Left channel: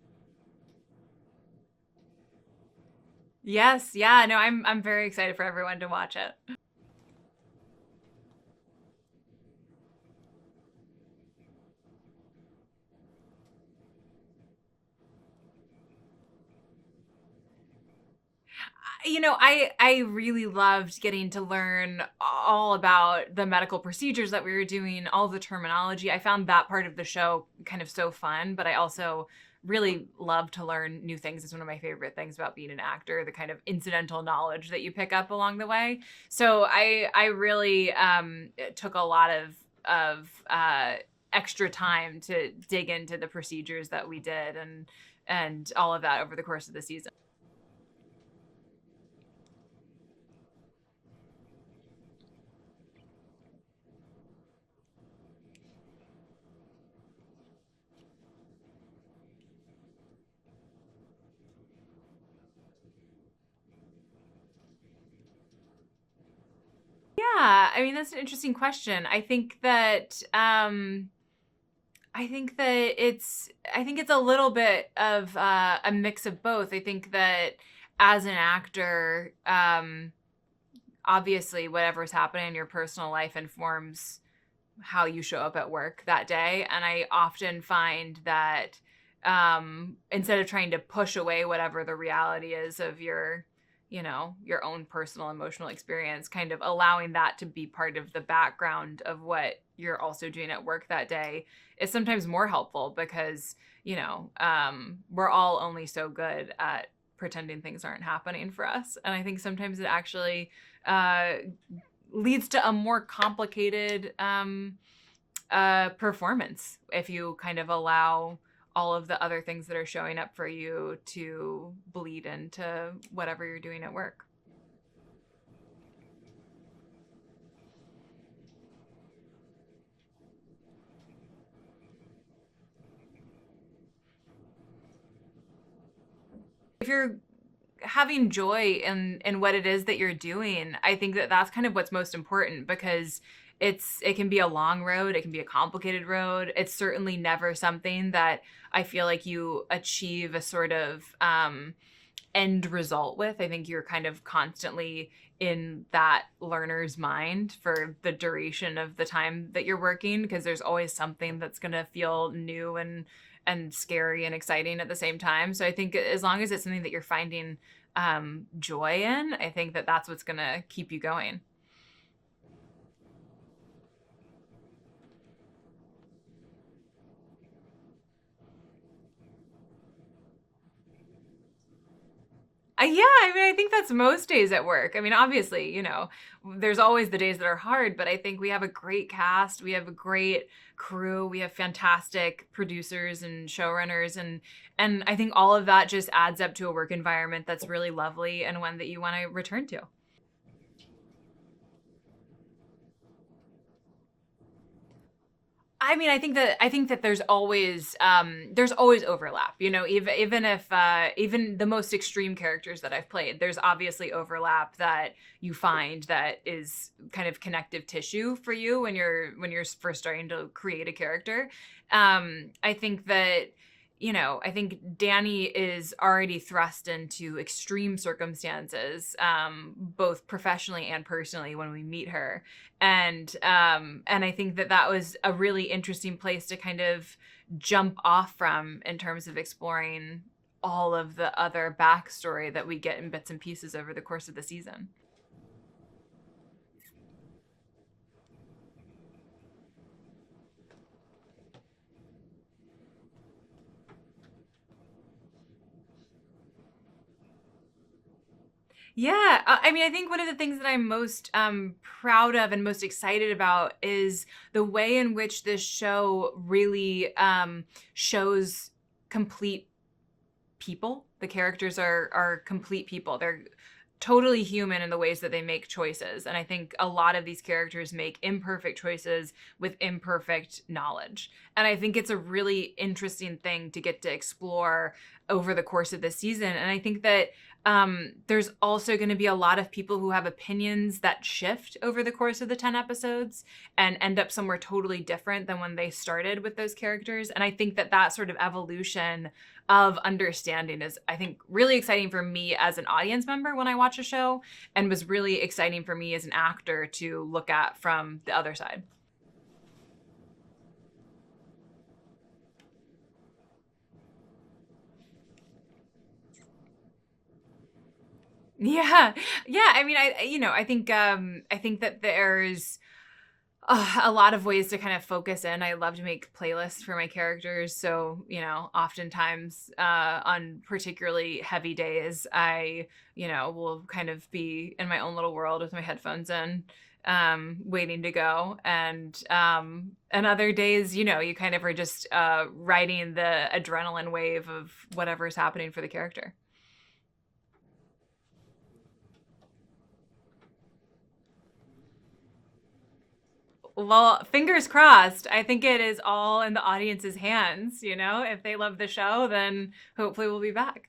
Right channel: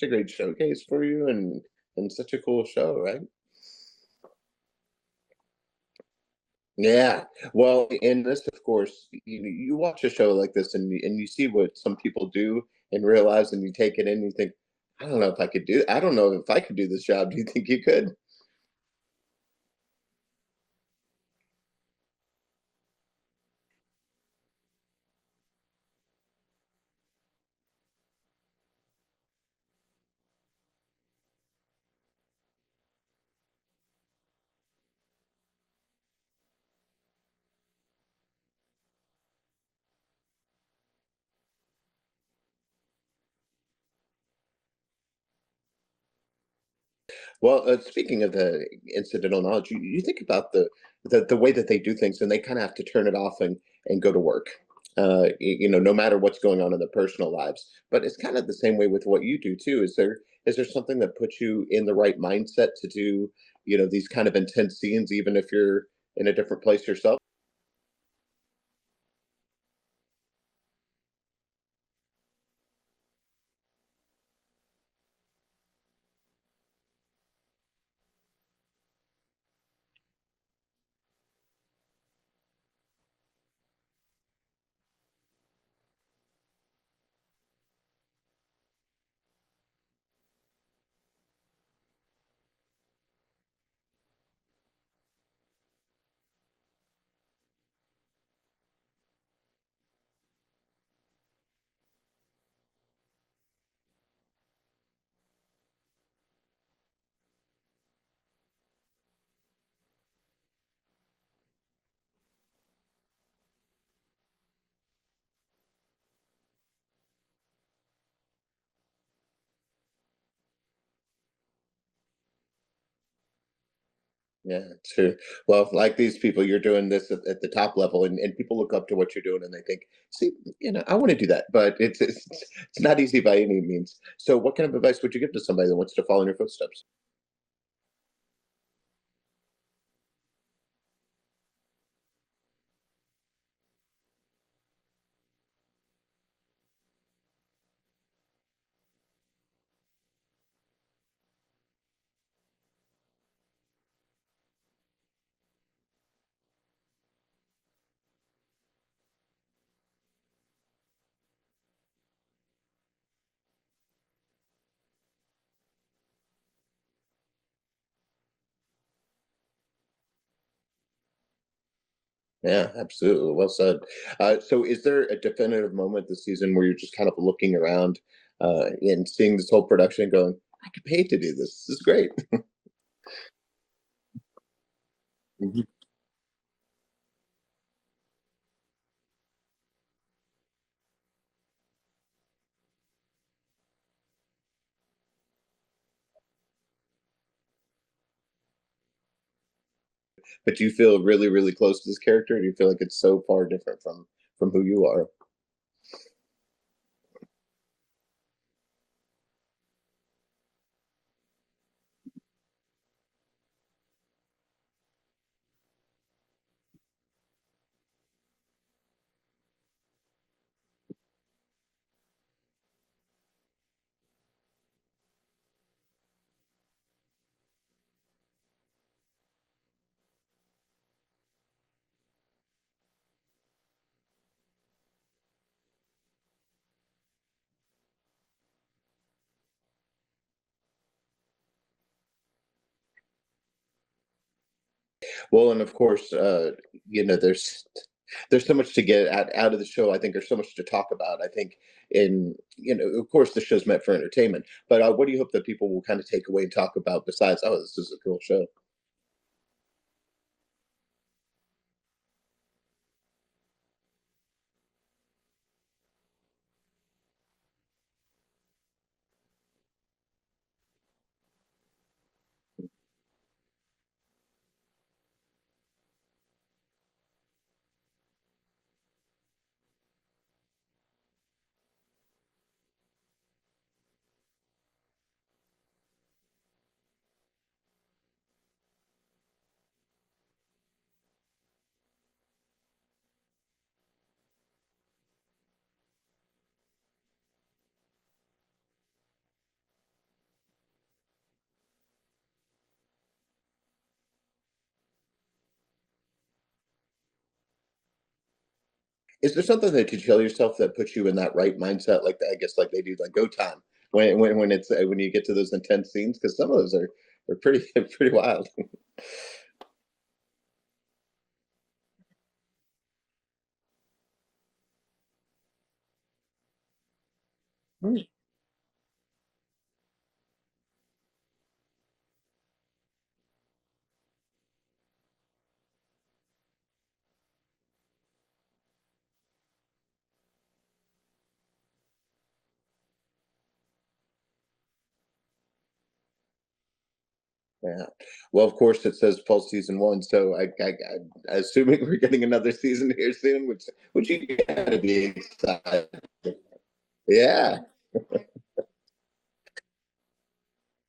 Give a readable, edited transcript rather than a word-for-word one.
such a great showcase for you and such a cool show, right? Yes, yeah, no, I'm very excited for everyone to watch it. Yeah. Well, in this, of course, you watch a show like this and you see what some people do in real lives and you take it in and you think, I don't know if I could do I don't know if I could do this job. Do you think you could? I really loved getting to learn all about the medical procedures that we were doing, all the terminology. I found that part of the show kind of so fun, but I also really love to learn new things. It's one of my favorite things about being an actor, the kind of incidental knowledge that you pick up along the way. So I really took a lot of extra time to dig into the procedures that we did and all of that over the course of the season. Well, speaking of the incidental knowledge, you think about the way that they do things, and they kind of have to turn it off and go to work. No matter what's going on in their personal lives. But it's kind of the same way with what you do too. Is there something that puts you in the right mindset to do, these kind of intense scenes, even if you're in a different place yourself? Yeah, I mean that's an interesting question. I think it's a little bit of a mix of both. I think that as an actor, obviously whatever's happening in your personal life informs how you show up at work that day, and I often find that instead of trying to push away whatever the reality is of your own personal emotional experience, kind of allowing that to be part of the background of what you're also doing at work that day is sometimes more helpful because we're all only so good at pretending things aren't happening for us, and I think sometimes it actually uh, leads to a more complicated performance if you kind of allow all of the other things that are showing up for you to bleed into whatever you're doing at work. Yeah, true. Well, like these people, you're doing this at the top level, and people look up to what you're doing, and they think, "See, I want to do that," but it's not easy by any means. So, what kind of advice would you give to somebody that wants to follow in your footsteps? If you're having joy in what it is that you're doing, I think that that's kind of what's most important because it can be a long road, it can be a complicated road. It's certainly never something that I feel like you achieve a sort of end result with. I think you're kind of constantly in that learner's mind for the duration of the time that you're working because there's always something that's going to feel new and scary and exciting at the same time. So I think as long as it's something that you're finding joy in, I think that that's what's going to keep you going. Yeah, absolutely. Well said. So, is there a definitive moment this season where you're just kind of looking around and seeing this whole production, and going, "I could pay to do this. This is great." Yeah, I mean, I think that's most days at work. I mean, Mhm. obviously, there's always the days that are hard, but I think we have a great cast, we have a great crew, we have fantastic producers and showrunners, and I think all of that just adds up to a work environment that's really lovely and one that you want to return to. But do you feel really, really close to this character? Or do you feel like it's so far different from who you are? I mean, I think that there's always overlap. Even if even the most extreme characters that I've played, there's obviously overlap that you find that is kind of connective tissue for you when you're first starting to create a character. I think Danny is already thrust into extreme circumstances, both professionally and personally when we meet her, and I think that that was a really interesting place to kind of jump off from in terms of exploring all of the other backstory that we get in bits and pieces over the course of the season. Well, and of course, there's so much to get out of the show. I think there's so much to talk about. I think of course, the show's meant for entertainment. But what do you hope that people will kind of take away and talk about besides, oh, this is a cool show? Yeah, I mean, I think one of the things that I'm most proud of and most excited about is the way in which this show really shows complete people. The characters are complete people. They're totally human in the ways that they make choices. And I think a lot of these characters make imperfect choices with imperfect knowledge. And I think it's a really interesting thing to get to explore over the course of the season. And I think that there's also going to be a lot of people who have opinions that shift over the course of the 10 episodes and end up somewhere totally different than when they started with those characters. And I think that that sort of evolution of understanding is, I think, really exciting for me as an audience member when I watch a show, and was really exciting for me as an actor to look at from the other side. Is there something that you tell yourself that puts you in that right mindset, like I guess like they do like go time when it's when you get to those intense scenes? Because some of those are pretty pretty wild. Yeah. Yeah, I mean, I think that there's a lot of ways to kind of focus in. I love to make playlists for my characters, Mm. so, oftentimes, on particularly heavy days, I, will kind of be in my own little world with my headphones in, waiting to go, and other days, you kind of are just, riding the adrenaline wave of whatever's happening for the character. Yeah. Well, of course, it says fall season one, so assuming we're getting another season here soon, which you Well, fingers gotta be crossed. I think it excited. is all in the audience's Yeah. hands, If they love the show, then hopefully we'll be back.